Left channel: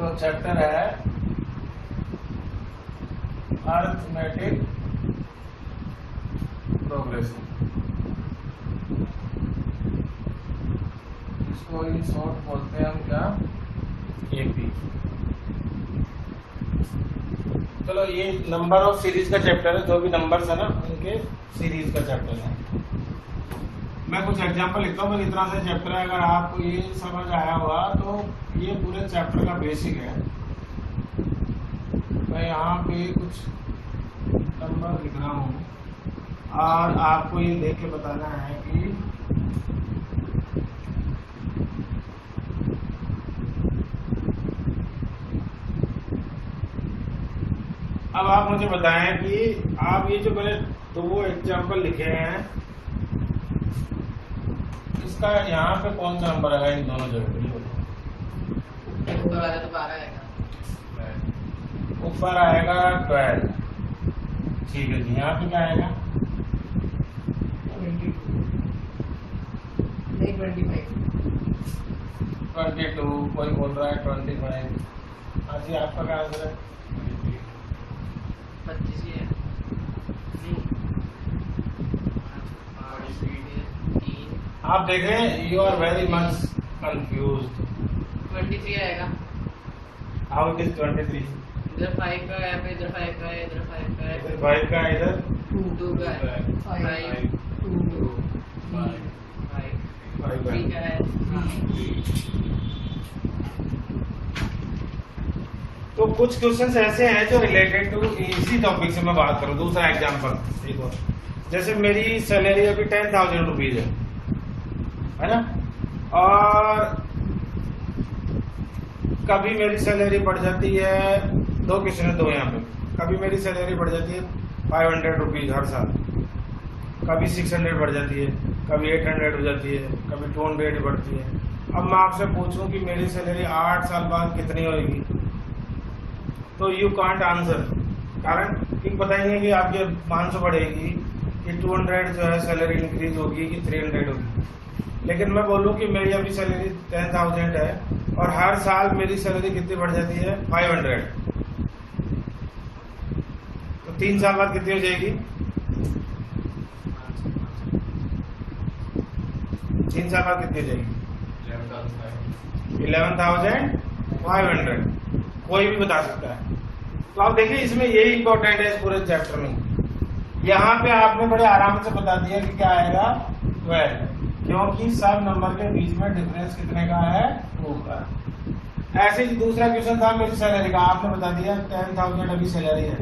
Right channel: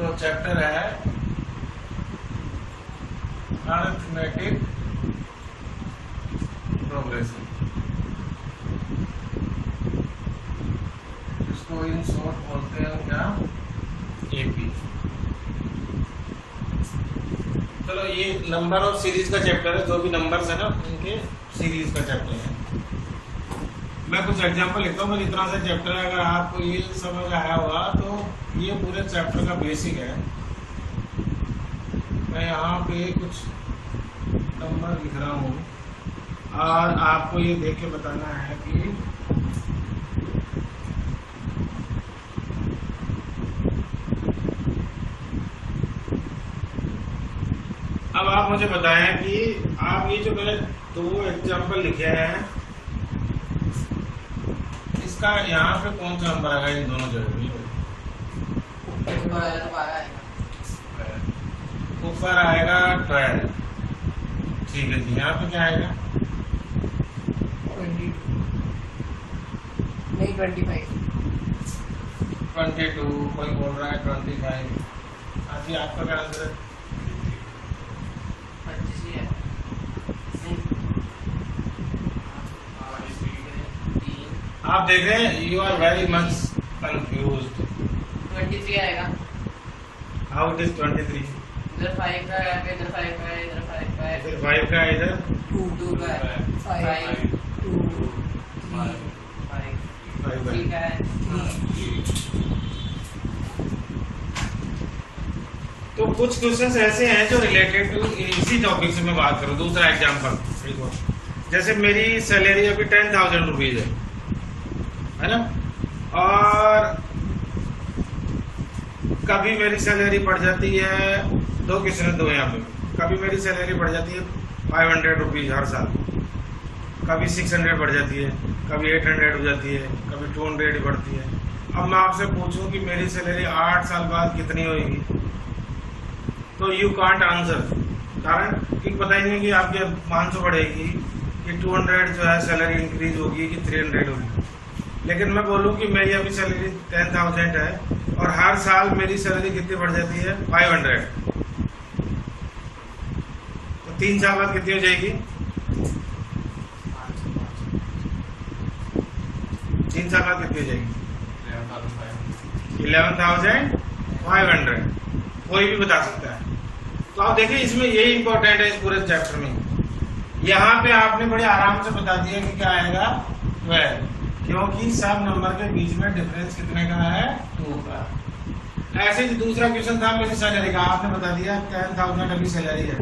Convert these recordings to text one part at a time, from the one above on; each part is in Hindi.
तो चैप्टर है अरिथमेटिक प्रोग्रेशन, इसको इन शॉर्ट बोलते हैं हम क्या, एपी। चलो ये नंबर ऑफ सीरीज का चैप्टर है, जो भी नंबर्स है ना उनके सीरीज का चैप्टर है। मैं कुछ एग्जांपल लिखता हूँ, बस इतना सा चैप्टर है, अगर आपको ये समझ आया हुआ तो ये पूरे चैप्टर का बेसिक है। मैं यहाँ पे कुछ नंबर लिख रहा हूँ और आपको ये देख के बताना है कि अब आप मुझे बताएं कि आप ये जो मैंने दो एग्जांपल लिखे हैं, इसका यहाँ पे कौन सा नंबर आएगा इन दोनों जगह? ऊपर आएगा 12, ठीक है जी। यहाँ पे क्या आएगा? 22, कोई बोल रहा है 25। हाँ जी, आपका क्या आंसर है? आप देख रहे हैं, you are very much confused. 23 आएगा। How it is 23? इधर 5 का है, फिर इधर 5 का है, इधर 5 का है, फिर 5 का है, इधर 2 का है, 5 2 5 3 का है। तो कुछ क्वेश्चंस ऐसे हैं जो रिलेटेड टू इसी टॉपिक से मैं बात करूं। दूसरा एग्जांपल देखो, जैसे मेरी सैलरी अभी 10,000 रुपीज है ना, और कभी मेरी सैलरी बढ़ जाती है, दो क्वेश्चन दो यहाँ पे, कभी मेरी सैलरी बढ़ जाती है 500 रुपीज हर साल, कभी 600 बढ़ जाती है, कभी 800 हो जाती है, कभी 200 बढ़ती है। अब मैं आपसे पूछूं कि मेरी सैलरी 8 साल बाद कितनी होगी, तो यू कांट आंसर, कारण कि पता ही नहीं कि आपके 500 बढ़ेगी कि 200 जो है सैलरी इंक्रीज होगी कि 300 होगी। लेकिन मैं बोलूँ कि मेरी अभी सैलरी 10,000 है और हर साल मेरी सैलरी कितनी बढ़ जाती है? 500। तो 3 साल बाद कितनी हो जाएगी? 3 साल बाद कितनी हो जाएगी? 11,500। कोई भी बता सकता है। तो आप देखिए, इसमें यही इंपॉर्टेंट है इस पूरे चैप्टर में। यहाँ पे आपने बड़े आराम से बता दिया कि क्या आएगा 12, क्योंकि सब नंबर के बीच में डिफरेंस कितने का है? 2 का। ऐसे ही दूसरा क्वेश्चन था मेरी सैलरी का, आपने बता दिया 10,000 अभी सैलरी है,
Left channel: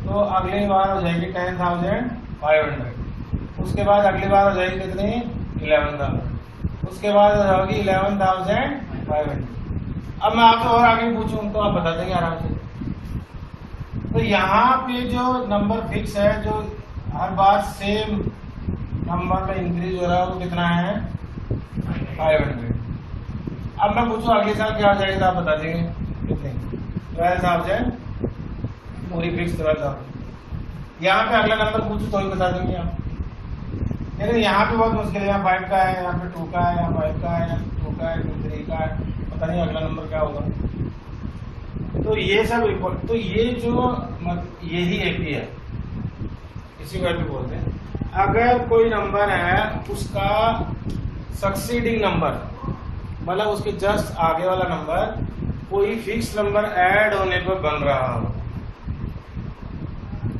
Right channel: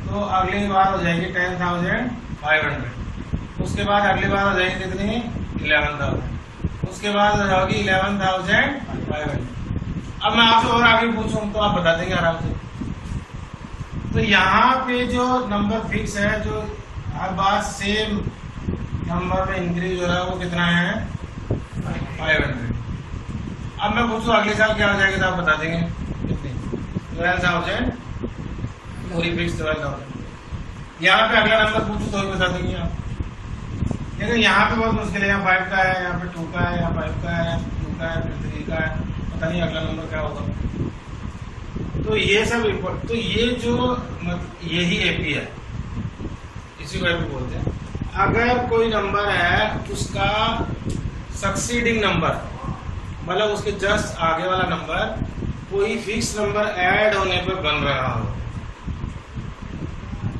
तो अगली बार हो जाएगी 10,500। उसके बाद अगली बार हो जाएगी कितनी? 11,000। उसके बाद हो जाएगी 11,500। अब मैं आपसे और आगे पूछूं तो आप बता देंगे आराम से। तो यहाँ पे जो नंबर फिक्स है, जो हर बार सेम नंबर में इंक्रीज हो रहा है, वो कितना है? 500। अब मैं पूछूं अगले साल क्या हो जाएगी, तो आप बता देंगे कितनी? 12,000 पूरी फिक्स 12,000। यहाँ पे अगला नंबर पूछूं तो भी बता देंगे आप। लेकिन यहाँ पे बहुत मुश्किल है, यहाँ 5 का है, यहाँ पे 2 का है, यहाँ 5 का है, यहाँ 2 का है, फिर 3 का है, पता नहीं अगला नंबर क्या होगा। तो ये सब तो ये जो मतलब यही एपी है, इसी को एपी बोलते हैं। अगर कोई नंबर है, उसका सक्सीडिंग नंबर, मतलब उसके जस्ट आगे वाला नंबर कोई फिक्स नंबर ऐड होने पर बन रहा हो,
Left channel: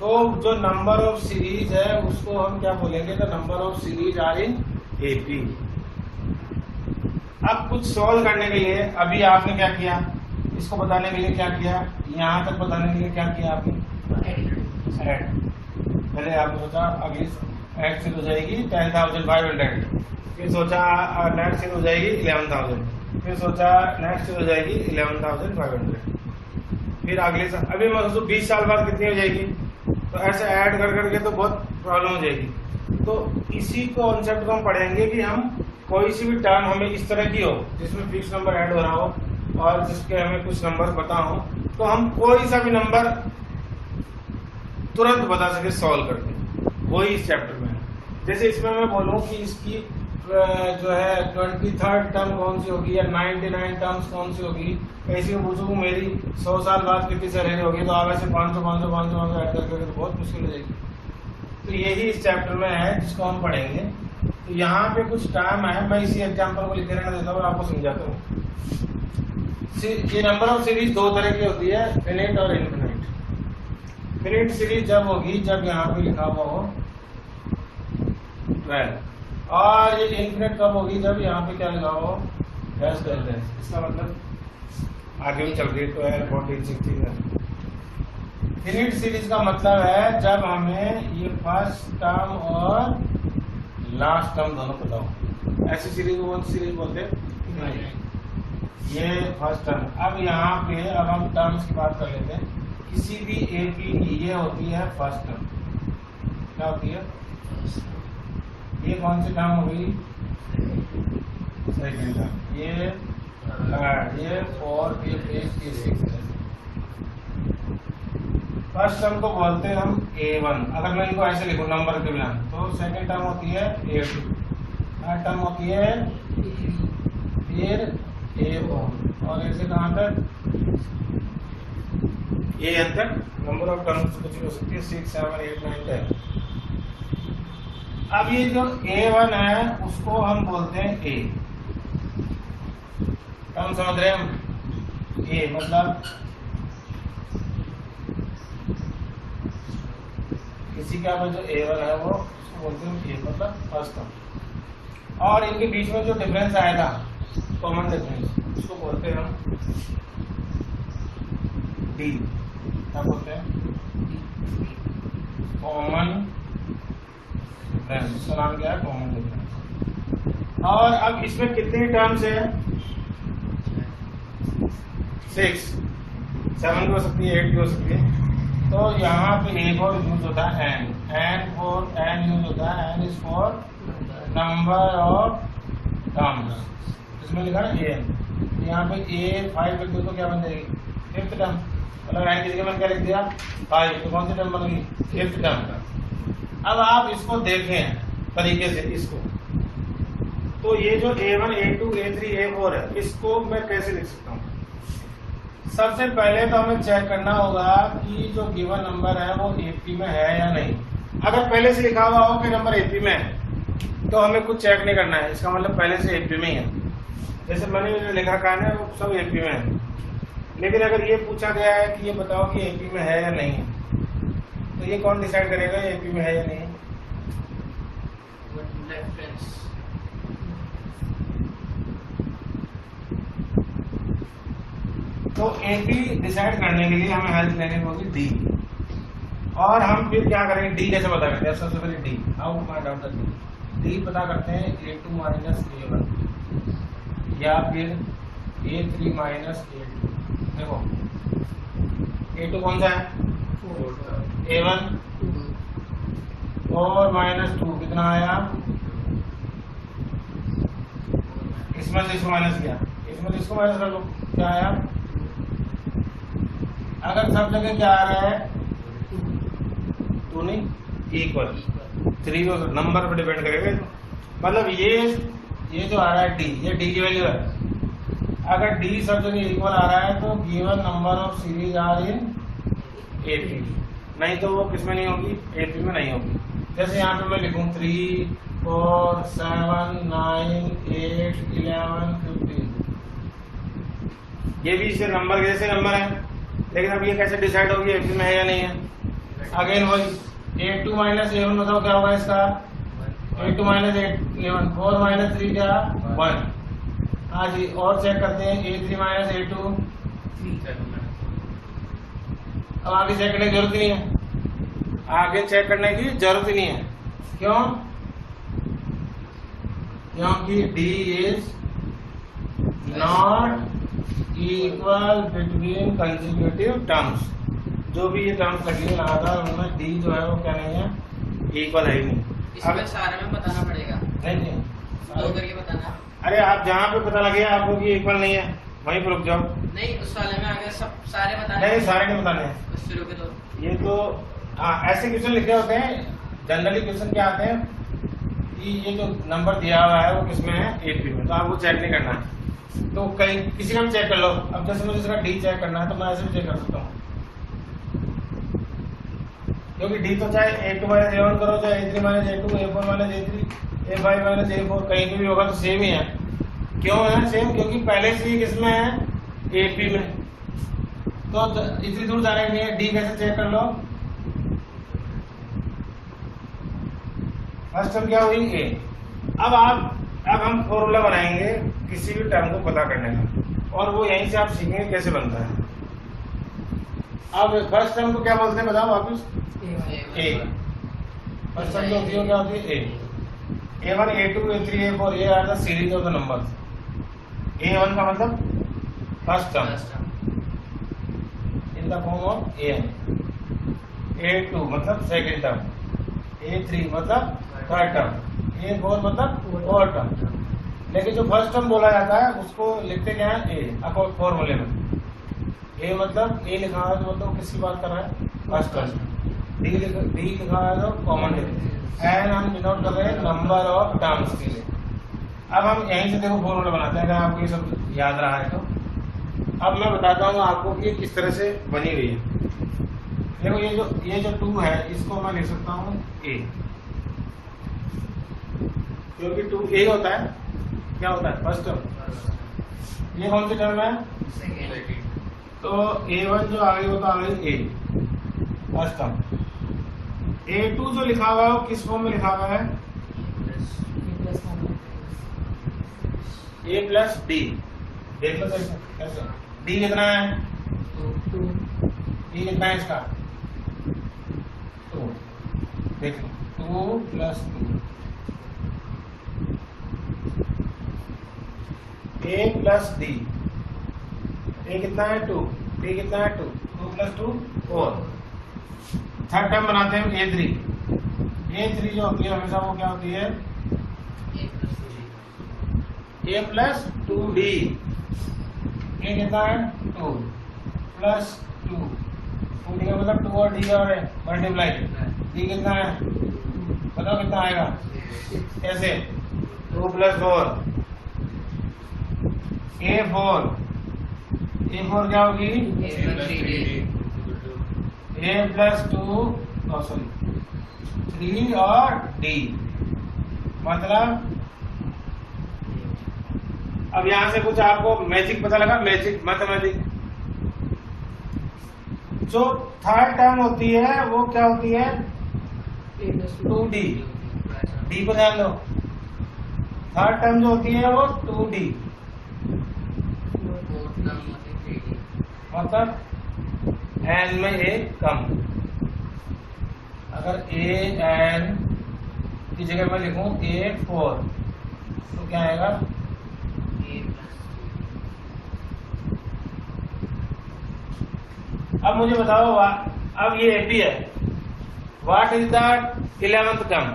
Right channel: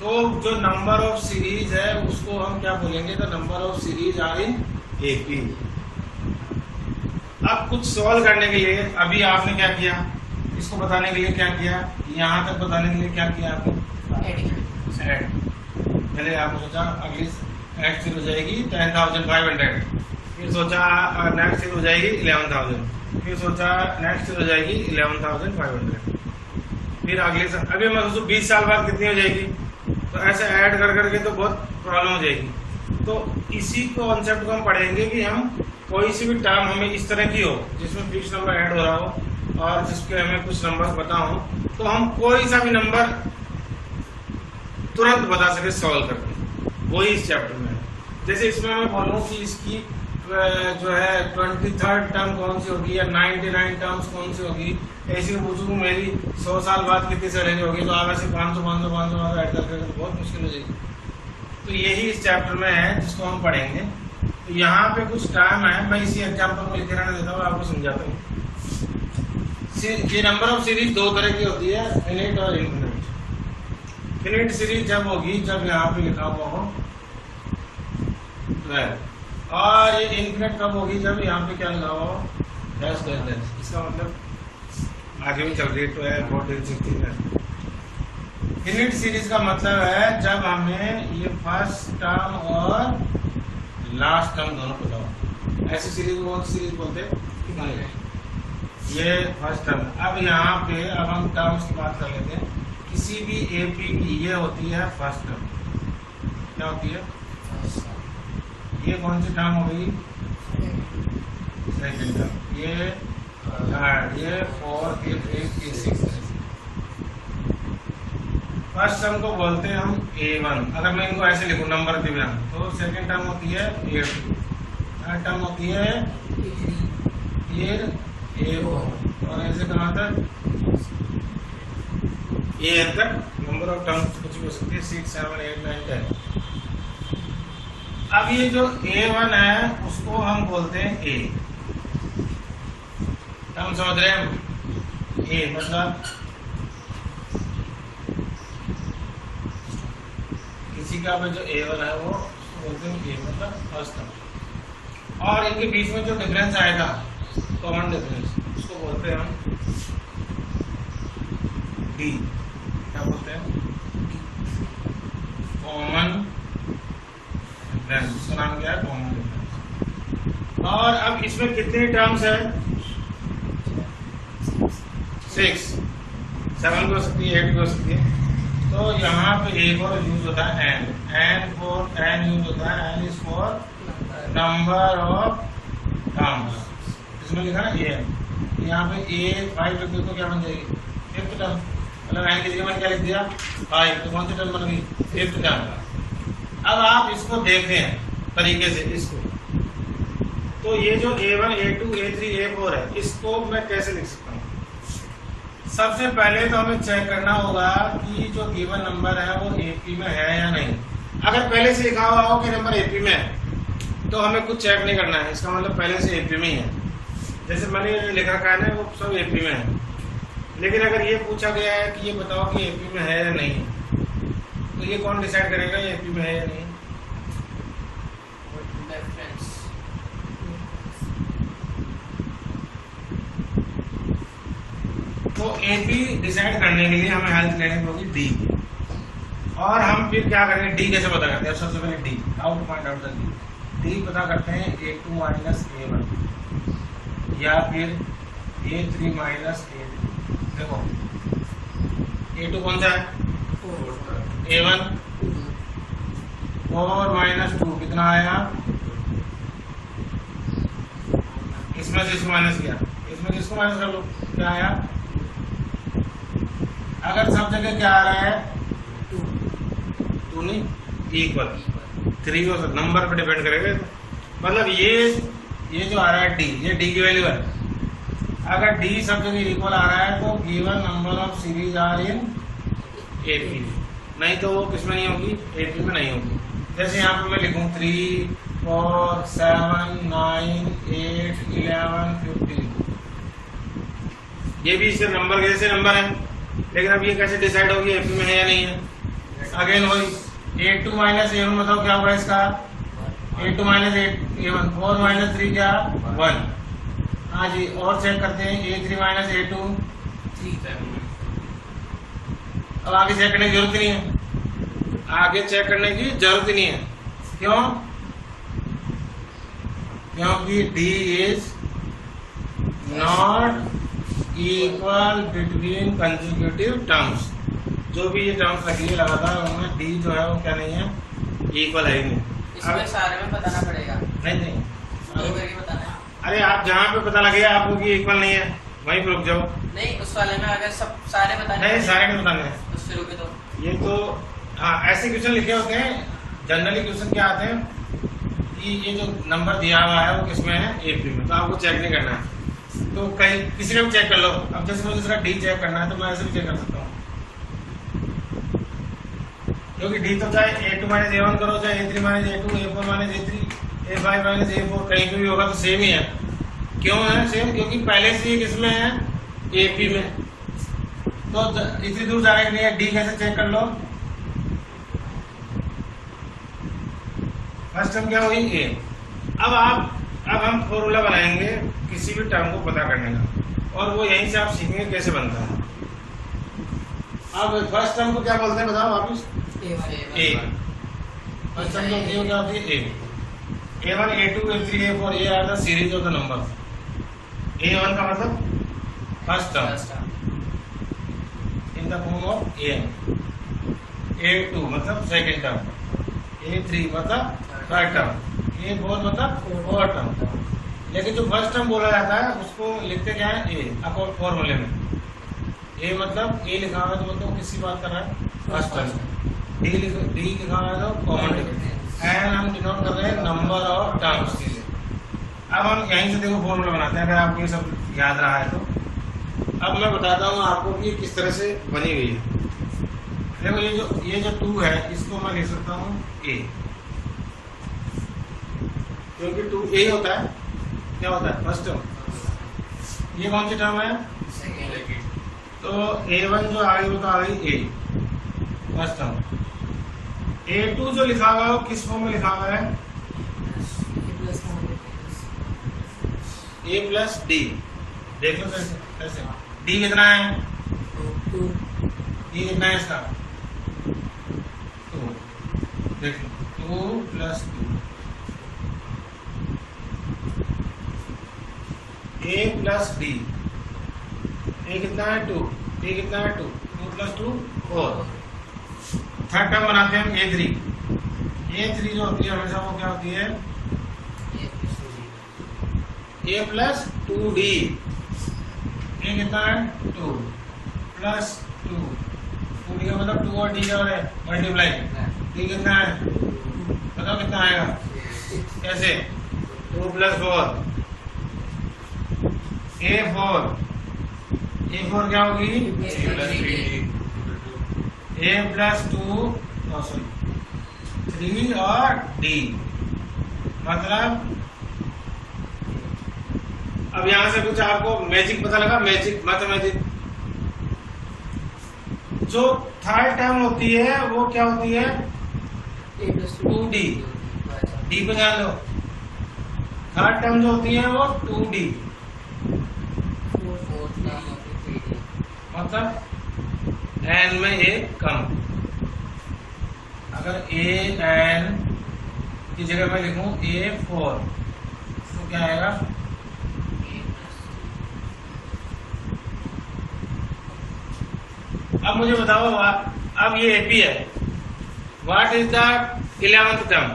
तो जो नंबर ऑफ सीरीज है उसको हम क्या बोलेंगे? तो number of series are in AP. अब कुछ सॉल्व करने के लिए अभी आपने क्या किया, इसको बताने के लिए क्या किया, यहाँ तक बताने के लिए क्या किया आपने? ऐड। पहले आपने सोचा अगली ऐड फिर हो जाएगी 10,500, फिर सोचा नेक्स्ट फिर हो जाएगी 11,000, फिर सोचा नेक्स्ट फिर हो जाएगी 11,500, फिर अगले साल, अभी मैं सोचूं 20 साल बाद कितनी हो जाएगी, तो ऐसे ऐड कर करके तो बहुत प्रॉब्लम हो जाएगी। तो इसी कॉन्सेप्ट को हम पढ़ेंगे कि हम कोई सी भी टर्म हमें इस तरह की हो जिसमें फिक्स नंबर ऐड हो रहा हो और जिसके हमें कुछ नंबर पता हो, तो हम कोई सा भी नंबर तुरंत बता सके सॉल्व करके, वही इस चैप्टर में। जैसे इसमें मैं बोलूँ कि इसकी जो है 23rd टर्म कौन सी होगी या 99 टर्म्स कौन सी होगी, ऐसे में पूछूँ मेरी 100 साल बाद कितनी सैलरी होगी, तो आप ऐसे 500 ऐड करके तो बहुत मुश्किल हो जाएगी। तो यही इस चैप्टर में है जिसको हम पढ़ेंगे। तो यहाँ पे कुछ टाइम है, मैं इसी एग्जाम्पल को लिख रहने देता हूँ, आपको समझाता हूँ। ये नंबर ऑफ सीरीज दो तरह की होती है, फिनिट और इनफिनिट। फिनिट सीरीज जब होगी जब यहाँ पे लिखा हुआ हो, और ये इनफिनिट कब होगी जब यहाँ पे क्या लिखा हुआ हो, डैश डैश डैश। इसका मतलब आगे भी चल रही है 12, 14, 16। फिनिट सीरीज का मतलब है जब हमें ये फर्स्ट टर्म और लास्ट टर्म दोनों पता हो। ऐसी सीरीज को कौन सी सीरीज बोलते हैं? ये फर्स्ट टर्म। अब यहाँ पे अब हम टर्म्स की बात कर लेते हैं। किसी भी एपी की ये होती है फर्स्ट टर्म। क्या होती है? ये कौन सी टर्म हो गई? Second term. ये थर्ड, ये फोर्थ, ये फिफ्थ, ये सिक्स्थ। फर्स्ट टर्म को बोलते हैं हम A1। अगर मैं इनको ऐसे लिखूं नंबर के बिना, तो सेकंड टर्म होती है A2, थर्ड टर्म होती है A4, और ऐसे कहाँ तक AN तक नंबर ऑफ टर्म्स कुछ भी हो सकती है, 6, 7, 8, 9, 10। अब ये जो A1 है उसको हम बोलते हैं A। हम समझ रहे हैं? A मतलब किसी का जो A1 है वो उसको बोलते हैं A मतलब फर्स्ट टर्म। और इनके बीच में जो डिफरेंस आएगा, कॉमन डिफरेंस, उसको बोलते हैं हम D। क्या बोलते हैं? Common difference. उसका नाम क्या है? Common difference. और अब इसमें कितनी टर्म्स है? 6, 7 भी हो सकती है, 8 भी हो सकती है। तो यहाँ पे एक और यूज होता है एन यूज होता है। N is for number of terms. इसमें लिखा ना एन, यहाँ पे A5 लिख दो तो क्या बन जाएगी? Fifth term. मतलब एन की जगह मैंने क्या लिख दिया? 5, तो कौन सी टर्म बन गई? Fifth term. अब आप इसको देखें तरीके से इसको, तो ये जो A1, A2, A3, A4 है, इसको मैं कैसे लिख सकता हूँ? सबसे पहले तो हमें चेक करना होगा कि जो गिवन नंबर है वो एपी में है या नहीं। अगर पहले से लिखा हुआ हो कि नंबर एपी में है तो हमें कुछ चेक नहीं करना है, इसका मतलब पहले से एपी में ही है। जैसे मैंने जो लिखा रखा है वो सब एपी में है। लेकिन अगर ये पूछा गया है कि ये बताओ कि एपी में है या नहीं, तो ये कौन डिसाइड करेगा ये एपी में है या नहीं? तो एपी डिसाइड करने के लिए हमें हेल्प लेनी होगी डी। और हम फिर क्या करेंगे? डी कैसे पता करते हैं? सबसे पहले D, how to find out the D पता करते हैं A2 माइनस A1 या फिर A3 माइनस A2। देखो A2 कौन सा है? A1, 4 माइनस 2 कितना आया? इसमें से इसको माइनस किया, इसमें से इसको माइनस कर लो, क्या आया? अगर सब जगह क्या आ रहा है? 2 नहीं, इक्वल 3 हो सकता, नंबर पर डिपेंड करेगा। मतलब ये जो आ रहा है डी, ये डी की वैल्यू है। अगर डी सब जगह इक्वल आ रहा है तो given number of series are in AP. नहीं तो वो किसमें नहीं होगी? एपी में नहीं होगी। जैसे यहाँ पे मैं लिखूँ 3, 4, 7, 9, 8, 11, 15। ये भी सिर्फ नंबर के जैसे नंबर है, लेकिन अब ये कैसे डिसाइड होगी एपी में है या नहीं है? अगेन वही A2 माइनस A1 बताओ क्या होगा इसका? A2 माइनस A1, 4 माइनस 3 क्या? 1। हाँ जी, और चेक करते हैं A3 माइनस A2 3। अब आगे चेक करने की जरूरत ही नहीं है, आगे चेक करने की जरूरत ही नहीं है। क्यों? क्योंकि D is not equal between consecutive terms. जो भी ये टर्म्स लगी लगातार उनमें डी जो है वो क्या नहीं है? इक्वल है ही नहीं। इसमें सारे में बताना पड़ेगा? नहीं, दो करके बताना है। अरे आप जहाँ पे पता लगेगा आपको कि इक्वल नहीं है वहीं पर रुक जाओ। नहीं, उस वाले में अगर सब सारे बताने नहीं, सारे नहीं बताने हैं। उससे रुके तो ये तो हाँ, ऐसे क्वेश्चन लिखे होते हैं। जनरली क्वेश्चन क्या आते हैं? ये जो नंबर दिया हुआ है वो किसमें है, एपी में, तो आपको चेक नहीं करना है। तो कहीं किसी का भी चेक कर लो। अब जैसे मुझे इसका डी चेक करना है तो मैं ऐसे भी चेक कर सकता हूँ, क्योंकि डी तो चाहे A2 माइनस A1 करो, चाहे A3 minus A2, A4 minus A3, A5 minus A4, कहीं पे भी होगा तो सेम ही है। क्यों है सेम? क्योंकि पहले से ही किसमें है, एपी में, तो इतनी दूर जाने के लिए डी कैसे चेक कर लो। फर्स्ट टर्म क्या हुई, ए। अब हम फॉर्मूला बनाएंगे किसी भी टर्म को पता करने का, और वो यहीं से आप सीखेंगे कैसे बनता है। अब फर्स्ट टर्म को क्या बोलते हैं बताओ वापिस, ए। फर्स्ट टर्म जो होती है क्या होती है, ए। A1, A2, A3, A4 ये are the series of the number. A1 का मतलब first term in the form of A। A2 मतलब सेकंड टर्म, A3 मतलब थर्ड टर्म, A4 मतलब फोर्थ टर्म। लेकिन जो फर्स्ट टर्म बोला जाता है उसको लिखते क्या है, ए, अकॉर्ड फॉर्मूले में। ए मतलब ए लिखा हुआ है तो मतलब किसकी बात कर रहा है, फर्स्ट टर्म। डी लिखा हुआ है तो कॉमन एंड हम डिनोट कर रहे हैं नंबर ऑफ टर्म्स की। अब हम यहीं से देखो फॉर्मूला बनाते हैं, अगर आपको ये सब याद रहा है तो। अब मैं बताता हूँ आपको कि किस तरह से बनी गई है। देखो ये जो 2 है इसको मैं लिख सकता हूँ ए, क्योंकि 2 ए होता है, क्या होता है, फर्स्ट टर्म। ये कौन सी टर्म है, तो A1 जो आ गई वो तो आ गई ए, फर्स्ट टर्म। A2 जो लिखा हुआ है वो किस फॉर्म में लिखा हुआ है, A प्लस डी। देख लो कैसे, डी कितना है, ये कितना है इसका, 2। देख लो 2 प्लस 2, A प्लस डी। ए कितना है 2, ए कितना है 2, 2 प्लस 2 4। थर्ड टर्म बनाते हैं हम A3 जो होती है हमेशा वो क्या होती है, A प्लस 2D। ए कितना है 2 प्लस 2, 2D का मतलब 2 और D और मल्टीप्लाई, D कितना है बताओ कितना आएगा, कैसे, 2 प्लस 4 A4 क्या होगी, A प्लस 2 3 और D। मतलब अब यहां से कुछ आपको मैजिक पता लगा, मैजिक जो थर्ड टर्म होती है वो क्या होती है, 2D। D को ध्यान दो, थर्ड टर्म जो होती है वो 2D, मतलब n में एक कम। अगर an की जगह मैं लिखूं A4 तो क्या आएगा, अब मुझे बताओ अब ये AP है, what is the 11th term,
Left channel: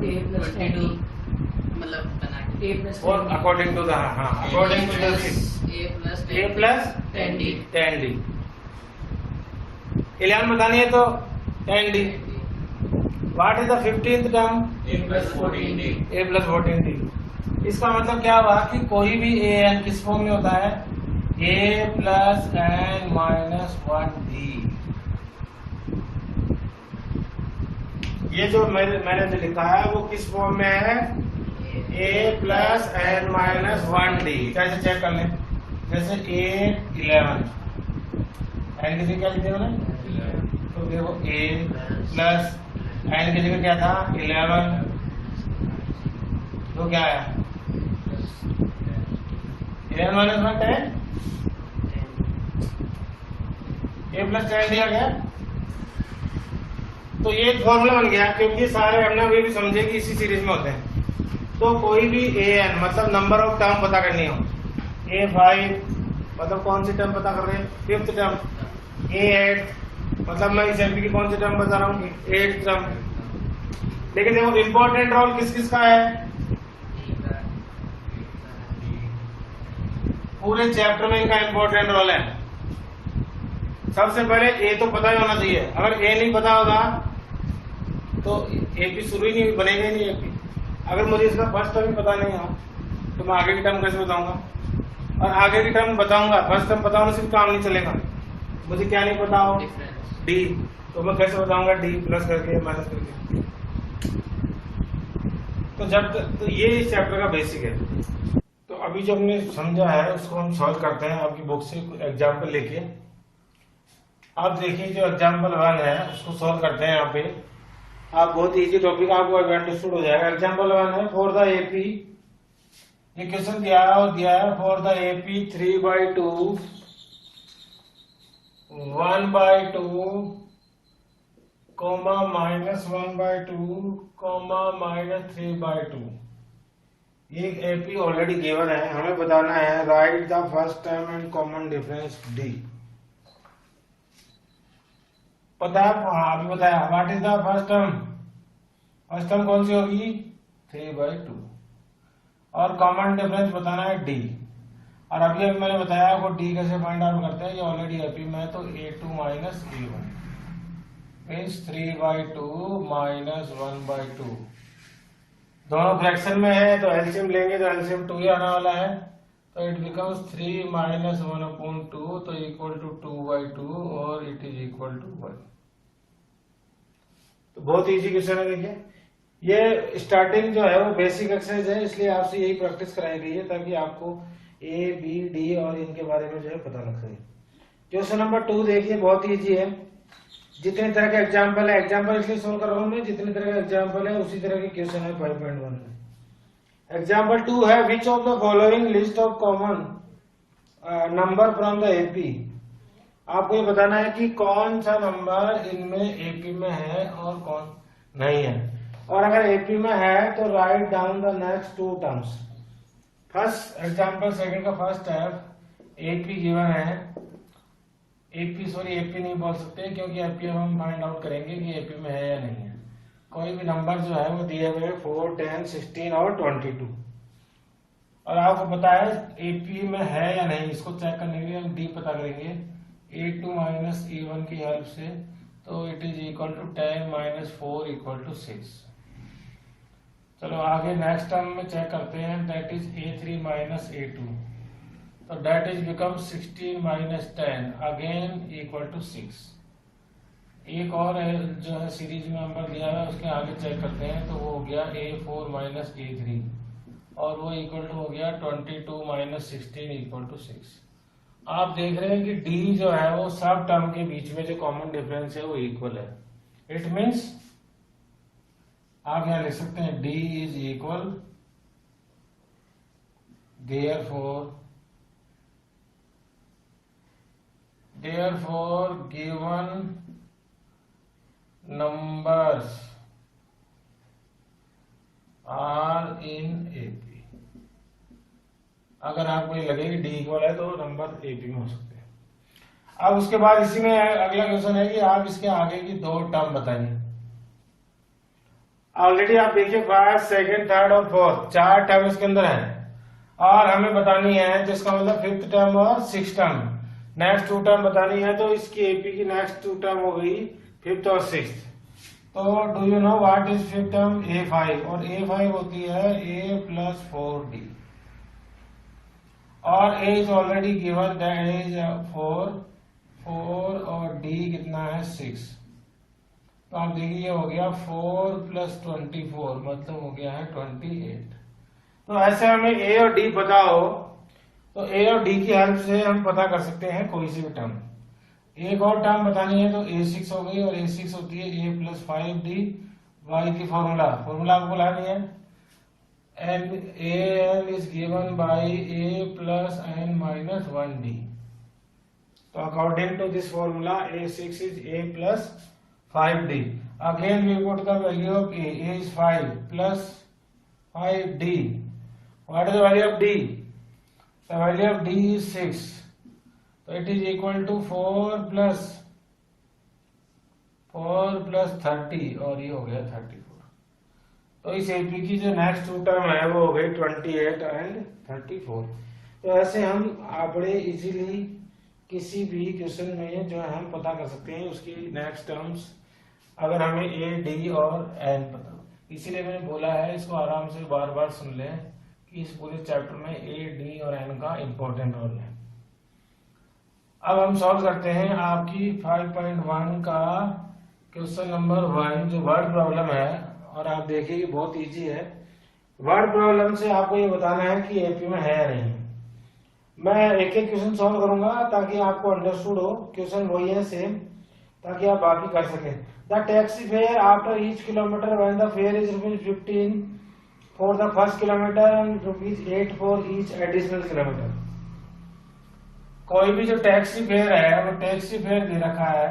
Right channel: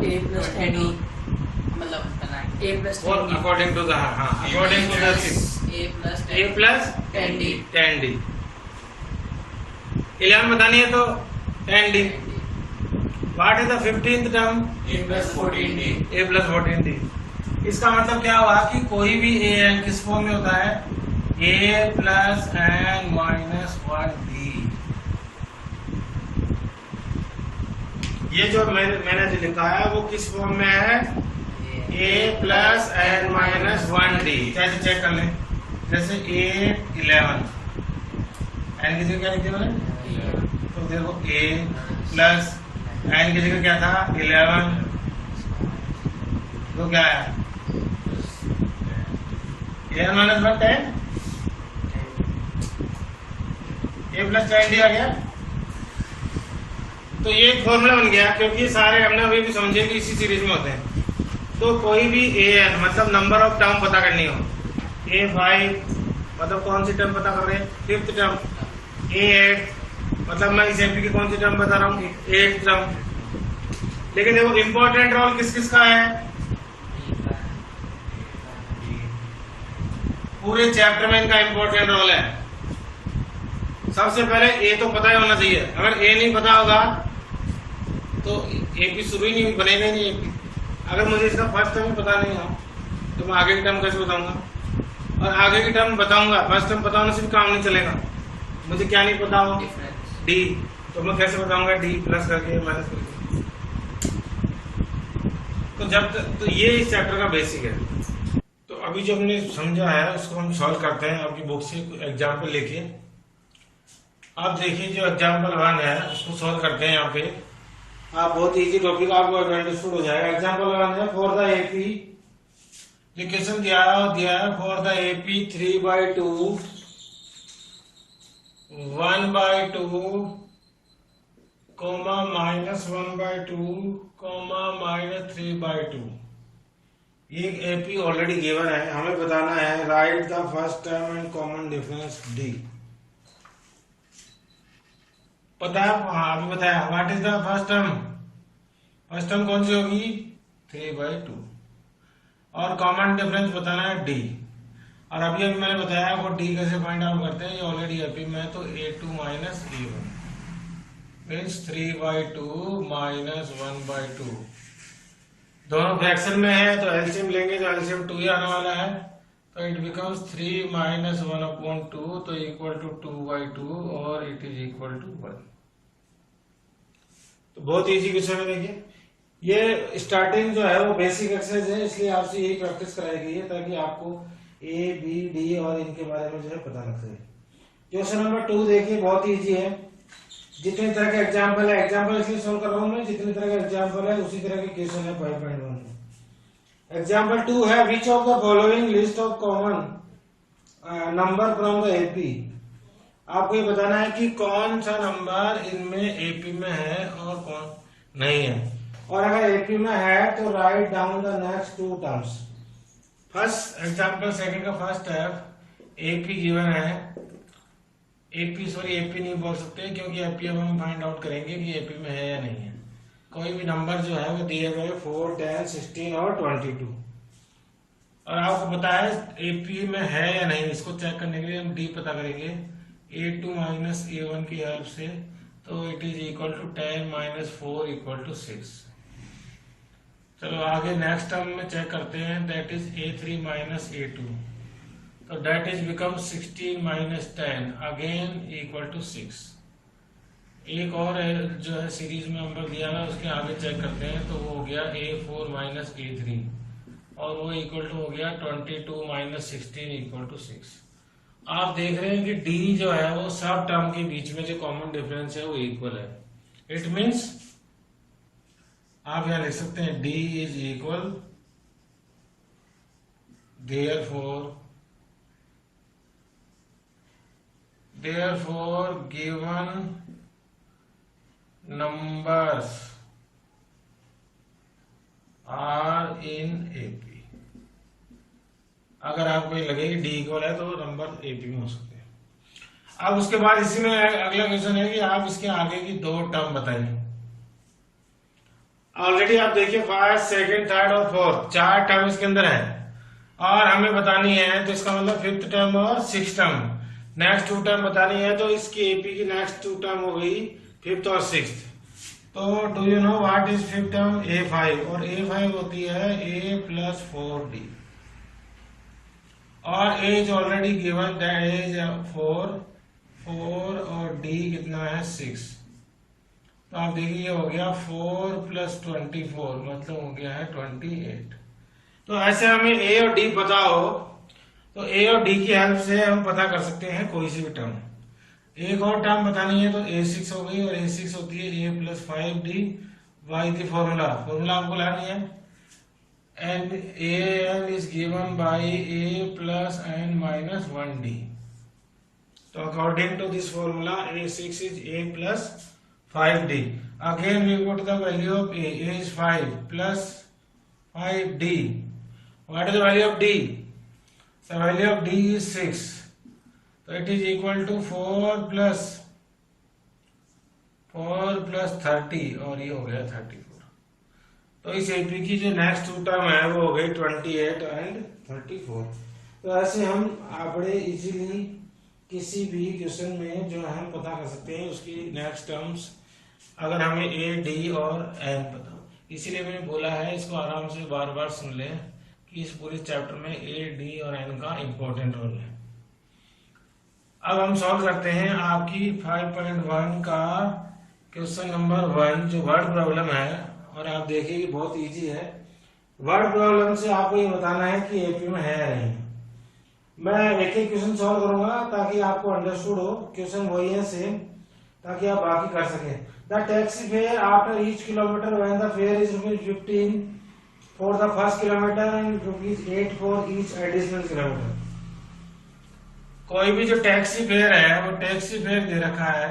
A plus 10D, मतलब A प्लस और according to the according to the A plus 10D। 11 बतानी है तो 10D। What is the 15th term, A plus 14D। A plus 14D। इसका मतलब क्या हुआ कि कोई भी an किस फॉर्म में होता है, A plus n minus 1D। ये जो मैंने जो लिखा है वो किस फॉर्म में है, A plus n minus 1D। कैसे चेक कर लें, जैसे 8 11 n की जगह क्या लिख दिया मैंने, तो देखो A प्लस n की जगह क्या था 11, तो क्या है 11 माइनस 1 10, A प्लस 10D आ गया। तो ये एक फॉर्मूला बन गया, क्योंकि सारे हमने अभी भी समझे कि इसी सीरीज में होते हैं। तो कोई भी an मतलब नंबर ऑफ टर्म पता करनी हो, A5 मतलब कौन सी टर्म पता कर रहे हैं, 5th टर्म, A8 मतलब मैं इस एमपी की कौन सी टर्म बता रहा हूँ, 8th टर्म। लेकिन देखो इंपॉर्टेंट रोल किस किस का है, पूरे चैप्टर में इनका इंपॉर्टेंट रोल है। सबसे पहले ए तो पता ही होना चाहिए, अगर ए नहीं पता होगा तो एपी शुरू ही नहीं, बनेगा ही नहीं एपी। अगर मुझे इसका फर्स्ट टर्म पता नहीं हो तो मैं आगे की टर्म कैसे बताऊंगा? और आगे की टर्म बताऊंगा, फर्स्ट टर्म बताने से भी काम नहीं चलेगा। मुझे क्या नहीं पता हो? डी। तो मैं कैसे बताऊंगा डी प्लस करके माइनस करके? तो तो ये इस चैप्टर का बेसिक है। तो अभी जो हमने समझा है उसको हम सॉल्व करते हैं आपकी बुक से एग्जाम्पल लेके। आप देखिए जो एग्जाम्पल 1 है उसको सॉल्व करते हैं यहाँ पे। आप बहुत इजी टॉपिक आपको अंडरस्टूड हो जाएगा। एग्जाम्पल 1 है फॉर द एपी, जो क्वेश्चन दिया है for the AP 3/2 1/2 comma -1/2 comma -3/2। ये एपी ऑलरेडी गिवन है, हमें बताना है write the first term and common difference D. पता है? हाँ अभी बताया। What is the first term? First term कौन सी होगी? 3/2। और कॉमन डिफरेंस बताना है डी। और अभी मैंने बताया वो डी कैसे फाइंड आउट करते हैं। ये ऑलरेडी एपी में है, तो a2 minus a1 means 3/2 minus 1/2। दोनों फ्रैक्शन में है तो एलसीएम लेंगे, तो एलसीएम 2 ही आने वाला है। तो इट बिकम्स 3 माइनस 1/2 तो इक्वल टू 2/2 और इट इज इक्वल टू 1। तो बहुत इजी क्वेश्चन है। देखिए ये स्टार्टिंग जो है वो बेसिक एक्सरसाइज है, इसलिए आपसे यही प्रैक्टिस कराई गई है ताकि आपको ए बी डी और इनके बारे में जो है पता लग सके। क्वेश्चन नंबर 2 देखिए बहुत इजी है। जितने तरह के एग्जाम्पल है, एग्जाम्पल इसलिए सोल्व कर रहा हूं मैं, जितने तरह के एग्जाम्पल है उसी तरह के क्वेश्चन है 5.1 में। एग्जाम्पल 2 है विच of the following list of common number from the AP. आपको ये बताना है कि कौन सा नंबर इनमें एपी में है और कौन नहीं है। और अगर एपी में है तो write down the next 2 terms. First example second का फर्स्ट स्टेप एपी गिवन है। एपी नहीं बोल सकते क्योंकि एपी हम फाइंड आउट करेंगे कि एपी में है या नहीं है। कोई भी नंबर जो है वो दिए हुए 4, 10, 16 और 22। और आपको पता है एपी में है या नहीं, इसको चेक करने के लिए हम डी पता करेंगे a2 माइनस a1 की हेल्प से। तो it is equal to 10 minus 4 equal to 6। चलो आगे नेक्स्ट टर्म में चेक करते हैं, that is a3 minus a2। तो that is become 16 minus 10 again equal to 6। एक और जो है सीरीज में नंबर दिया ना उसके आगे चेक करते हैं, तो वो हो गया a4 माइनस a3 और वो इक्वल टू हो गया 22 माइनस 16 इक्वल टू 6। आप देख रहे हैं कि डी जो है वो सब टर्म के बीच में जो कॉमन डिफरेंस है वो इक्वल है। इट मीन्स आप यहां लिख सकते हैं D is equal, therefore given numbers are in AP। अगर आपको ये लगे कि डी इक्वल है तो नंबर एपी में हो सकते हैं। अब उसके बाद इसी में अगला क्वेश्चन है कि आप इसके आगे की 2 टर्म बताइए। ऑलरेडी आप देखिए फर्स्ट, सेकंड, थर्ड और फोर्थ 4 टर्म इसके अंदर है और हमें बतानी है, तो इसका मतलब 5th टर्म और 6th टर्म। नेक्स्ट 2 टर्म बतानी है, तो इसकी एपी की नेक्स्ट 2 टर्म हो गई 5th और 6th। तो do you know what is 5th term? a5 और a5 होती है a प्लस 4d और a is already given that is 4 और d कितना है 6। तो आप देखिए ये हो गया 4 प्लस 24 मतलब हो गया है 28। तो ऐसे हमें ए और डी पता हो तो ए और डी की हेल्प से हम पता कर सकते हैं कोई सी भी टर्म। एक और टर्म बतानी है तो a6 हो गई और a6 होती है a plus 5d by the formula आपको लानी है and an is given by a plus n minus 1d। तो according to this formula a6 is a plus 5d। Again we put the value of a is 5 plus 5d। What is the value of d? The value of d is 6। So it is equal to 4 plus 30 और ये हो गया 34। तो इस एपी की जो नेक्स्ट 2 टर्म है वो हो गई 28 एंड 34। तो ऐसे हम बड़े इजीली किसी भी क्वेश्चन में जो हम पता कर सकते हैं उसकी नेक्स्ट टर्म्स अगर हमें ए डी और एन पता हो। इसीलिए मैंने बोला है इसको आराम से बार बार सुन लें कि इस पूरे चैप्टर में ए डी और एन का इंपॉर्टेंट रोल है। अब हम सॉल्व करते हैं आपकी 5.1 का क्वेश्चन नंबर 1 जो वर्ड प्रॉब्लम है, और आप देखिए कि बहुत इजी है। वर्ड प्रॉब्लम से आपको ये बताना है कि एपी में है या नहीं। मैं एक एक क्वेश्चन सॉल्व करूंगा ताकि आपको अंडरस्टूड हो। क्वेश्चन वही है सेम, ताकि आप बाकी कर सकें। The taxi fare after each kilometre when the fair is ₹15 for the first kilometre and ₹8 for each additional kilometre. कोई भी जो टैक्सी फेयर है, वो टैक्सी फेयर दे रखा है,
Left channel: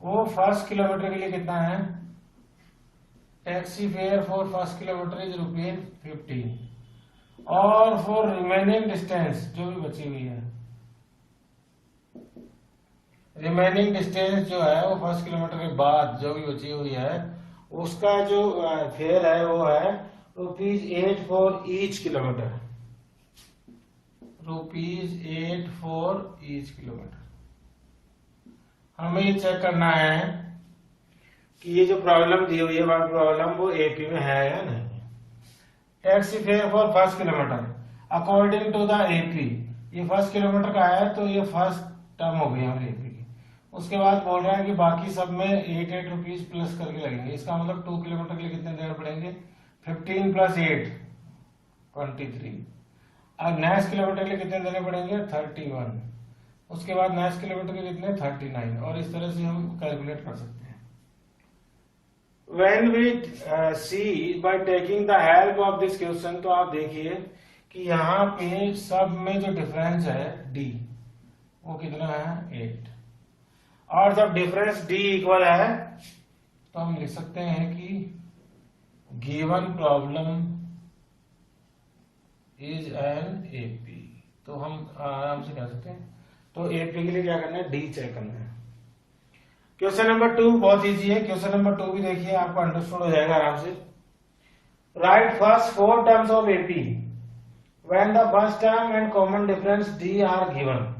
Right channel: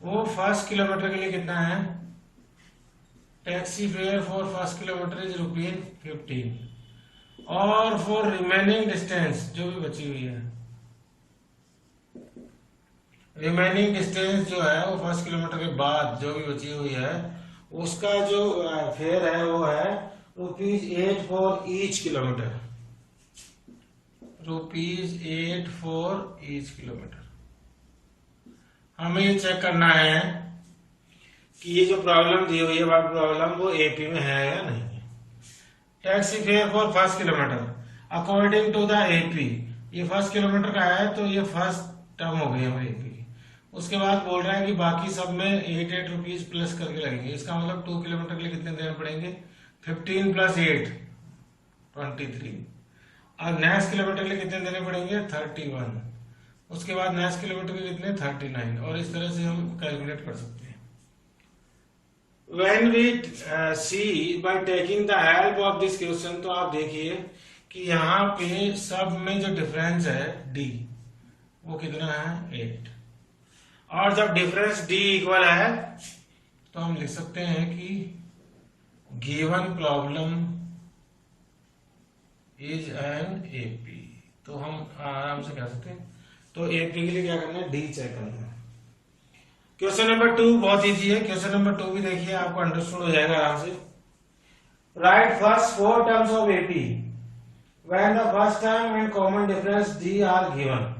वो फर्स्ट किलोमीटर के लिए कितना है? Taxi fare for first kilometre is ₹15 और फॉर रिमेनिंग डिस्टेंस जो भी बची हुई है, रिमेनिंग डिस्टेंस जो है वो फर्स्ट किलोमीटर के बाद जो भी बची हुई है उसका जो फेयर है वो है ₹8 for each kilometre. ₹8 for each kilometre. हमें ये चेक करना है कि ये जो प्रॉब्लम दी हुई है वर्ड प्रॉब्लम वो एपी में है या नहीं। Taxi fare for first kilometre according to the AP, ये फर्स्ट किलोमीटर का है तो ये फर्स्ट टर्म हो गई हमारी एपी की। उसके बाद बोल रहा है कि बाकी सब में 8 रुपीज प्लस करके लगेंगे। इसका मतलब 2 किलोमीटर के लिए कितने देने पड़ेंगे? 15 + 8 23। और नेक्स्ट किलोमीटर के लिए कितने देने पड़ेंगे? 31। उसके बाद नेक्स्ट किलोमीटर के कितने? 39। और इस तरह से हम कैलकुलेट कर सकते हैं। When we see by taking the help of this question, तो आप देखिए कि यहाँ पे सब में जो डिफरेंस है d वो कितना है? 8। और जब डिफरेंस d इक्वल है तो हम लिख सकते हैं कि given problem is an AP. तो हम आराम से कह सकते हैं। तो एपी के लिए क्या करना है? डी चेक करना है। क्वेश्चन नंबर 2 बहुत इजी है। क्वेश्चन नंबर 2 भी देखिए, आपको अंडरस्टूड हो जाएगा आराम से। Right first 4 terms of AP when the first term and common difference D R given.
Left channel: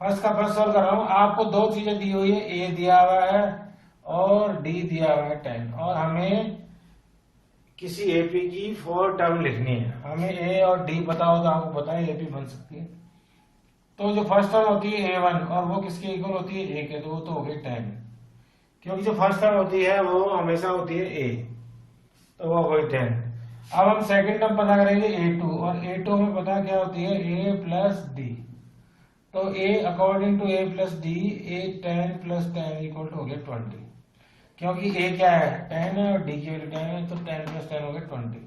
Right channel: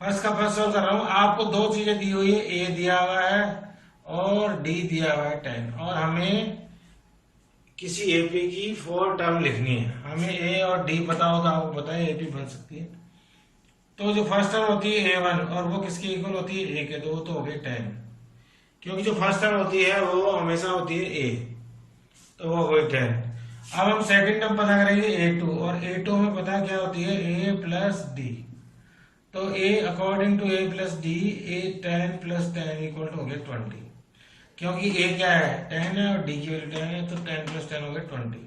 First का फर्स्ट सॉल्व कर रहा हूं। आपको दो चीजें दी हुई है, ए दिया हुआ है और डी दिया हुआ है 10, और हमें किसी एपी की 4 टर्म लिखनी है। हमें ए और डी पता हो तो आपको पता है एपी बन सकती है। तो जो फर्स्ट टर्म होती है A1 और वो किसके इक्वल होती है? A के, तो वो तो हो गई 10, क्योंकि जो फर्स्ट टर्म होती है वो हमेशा होती है A, तो वो हो गई 10। अब हम सेकंड टर्म पता करेंगे A2, और A2 में पता क्या होती है? A + D। तो A according to A + D, A 10 + 10 equal to हो गया 20, क्योंकि A क्या है? 10 है और D की वैल्यू 10 है, तो 10 + 10 हो गया 20।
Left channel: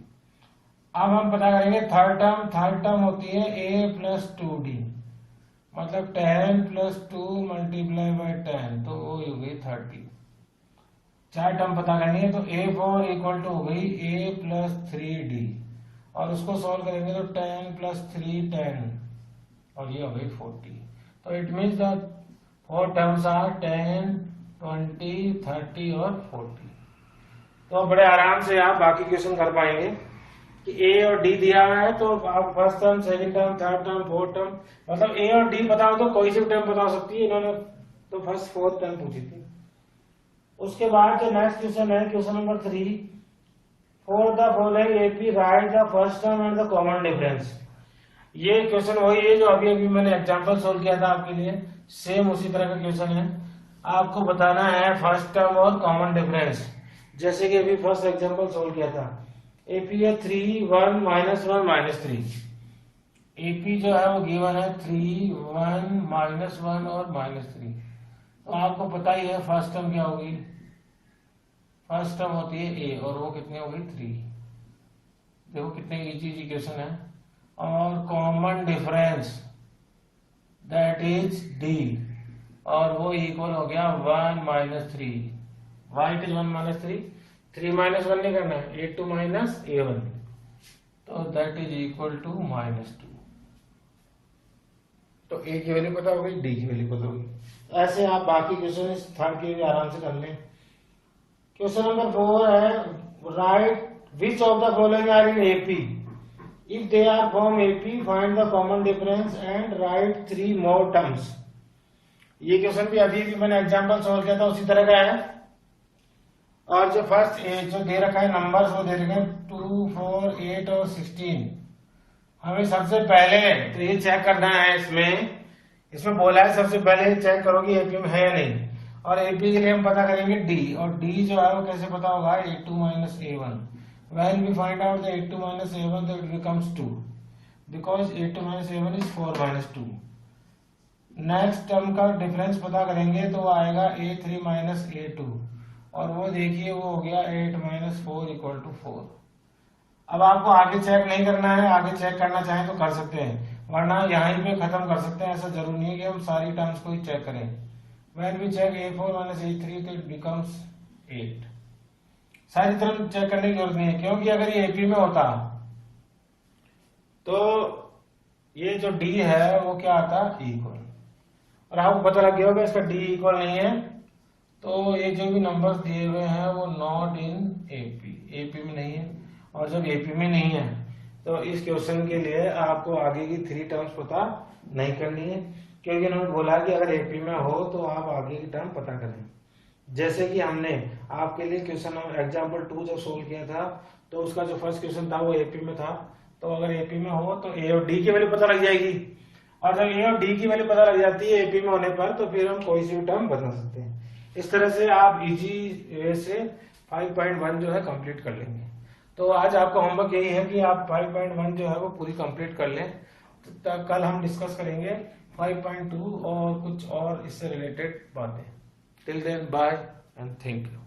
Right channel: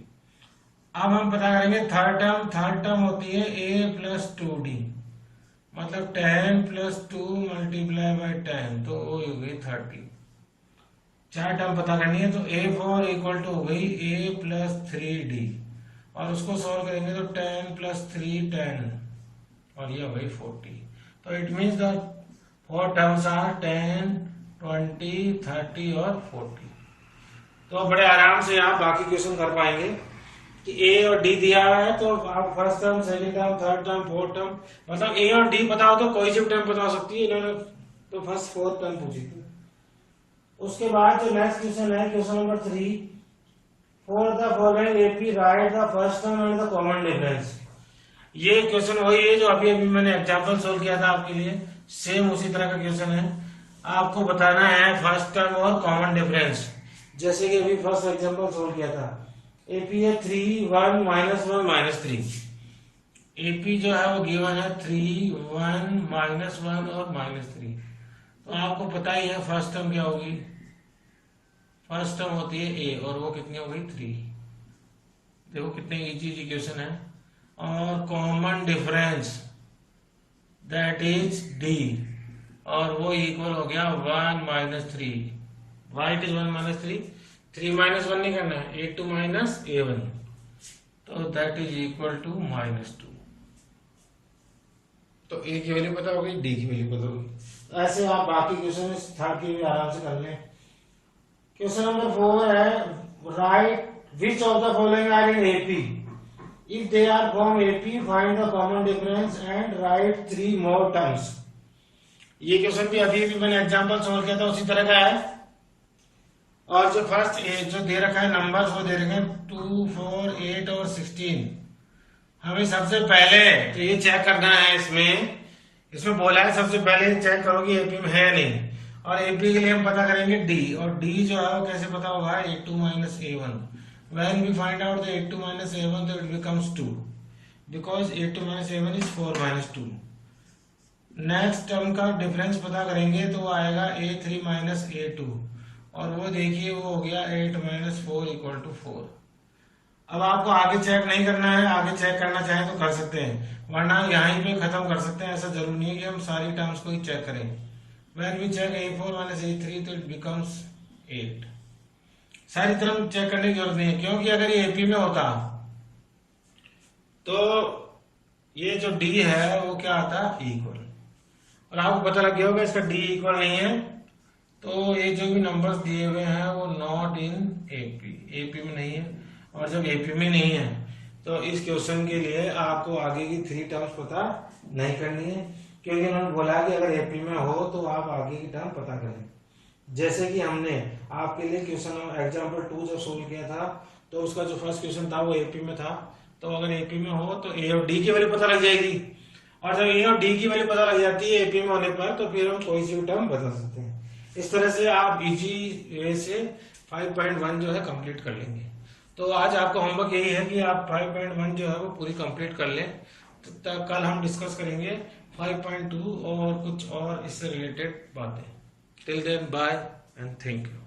अब हम पता करेंगे थर्ड टर्म। थर्ड टर्म होती है A + 2D, मतलब 10 + 2 × 10, तो वो हो गई 30। 4 टर्म पता करनी है, तो A4 इक्वल टू हो गई A + 3D, और उसको सॉल्व करेंगे तो 10 + 3 10, और ये हो गई 40। तो it means the 4 terms are 10 20 30 और 40। तो बड़े आराम से आप बाकी क्वेश्चन कर पाएंगे कि ए और डी दिया है, तो आप first term, second term, third term, fourth term, मतलब ए और डी पता हो तो कोई सी टर्म पता हो सकती है। इन्होंने तो फर्स्ट 4 टर्म पूछी थी। उसके बाद जो नेक्स्ट क्वेश्चन है, question number 3, for the following AP right the first term and the common difference. ये क्वेश्चन वही है जो अभी अभी मैंने एग्जांपल सोल्व किया था आपके लिए, सेम उसी तरह का क्वेश्चन है। आपको बताना है फर्स्ट टर्म और कॉमन डिफरेंस, जैसे कि अभी फर्स्ट एग्जांपल सोल्व किया था। एपी है 3 1 -1 -3। एपी जो है वो गिवन है 3 1 -1 और -3। तो आपको पता ही है फर्स्ट टर्म क्या होगी? फर्स्ट टर्म होती है ए, और वो कितनी हो गई? 3। देखो कितने इजी क्वेश्चन है। और common difference that is D, और वो इक्वल हो गया 1 -3। वाई इज 1 -3, 3 -1 नहीं करना है, A2 - A1, तो दैट इज इक्वल टू -2। तो ए की वैल्यू पता होगी, डी की वैल्यू पता होगी। ऐसे आप बाकी क्वेश्चन इस थर्ड के भी आराम से कर लें। क्वेश्चन नंबर 4 है, write which of the following are in AP. If they are from AP find the common difference and write 3 more terms. ये क्वेश्चन भी अभी मैंने एग्जांपल सॉल्व किया था उसी तरह का है। और जो फर्स्ट जो दे रखा है नंबर्स वो दे रखे हैं 2, 4, 8 और 16। हमें सबसे पहले तो ये चेक करना है, इसमें बोला है सबसे पहले चेक करो कि एपी में है या नहीं। और एपी के लिए हम पता करेंगे डी, और डी जो है वो कैसे पता होगा, a2 minus a1। When we find out the a2 minus a1 तो it becomes 2 because a2 minus a1 is 4 minus 2। Next term का डिफरेंस पता करेंगे तो वो आएगा a3 minus a2, और वो देखिए वो हो गया 8 minus 4 equal to 4। अब आपको आगे चेक नहीं करना है, आगे चेक करना चाहें तो कर सकते हैं, वरना यहीं पे खत्म कर सकते हैं। ऐसा जरूरी नहीं है कि हम सारी टर्म्स को ही चेक करें। When we check a4 minus a3 तो it becomes 8। सारी टर्म चेक करने की जरूरत नहीं है, क्योंकि अगर ये एपी में होता तो ये जो डी है वो क्या आता इक्वल, और आपको पता लग गया होगा इसका डी इक्वल नहीं है, तो ये जो भी नंबर्स दिए हुए हैं वो नॉट इन एपी में नहीं है। और जब एपी में नहीं है तो इस क्वेश्चन के लिए आपको आगे की 3 टर्म्स पता नहीं करनी है, क्योंकि उन्होंने बोला कि अगर एपी में हो तो आप आगे की टर्म पता करें। जैसे कि हमने आपके लिए क्वेश्चन एग्जाम्पल 2 जब सोल्व किया था तो उसका जो फर्स्ट क्वेश्चन था वो एपी में था, तो अगर एपी में हो तो ए और डी की वैल्यू पता लग जाएगी, और जब ए और डी की वैल्यू पता लग जाती है एपी में होने पर तो फिर हम कोई सी भी टर्म बता सकते हैं। इस तरह से आप इजी वे से 5.1 जो है कंप्लीट कर लेंगे। तो आज आपका होमवर्क यही है कि आप 5.1 जो है वो पूरी कंप्लीट कर लें। तो कल हम डिस्कस करेंगे 5.2 और कुछ और इससे रिलेटेड बातें। Till then bye and thank you.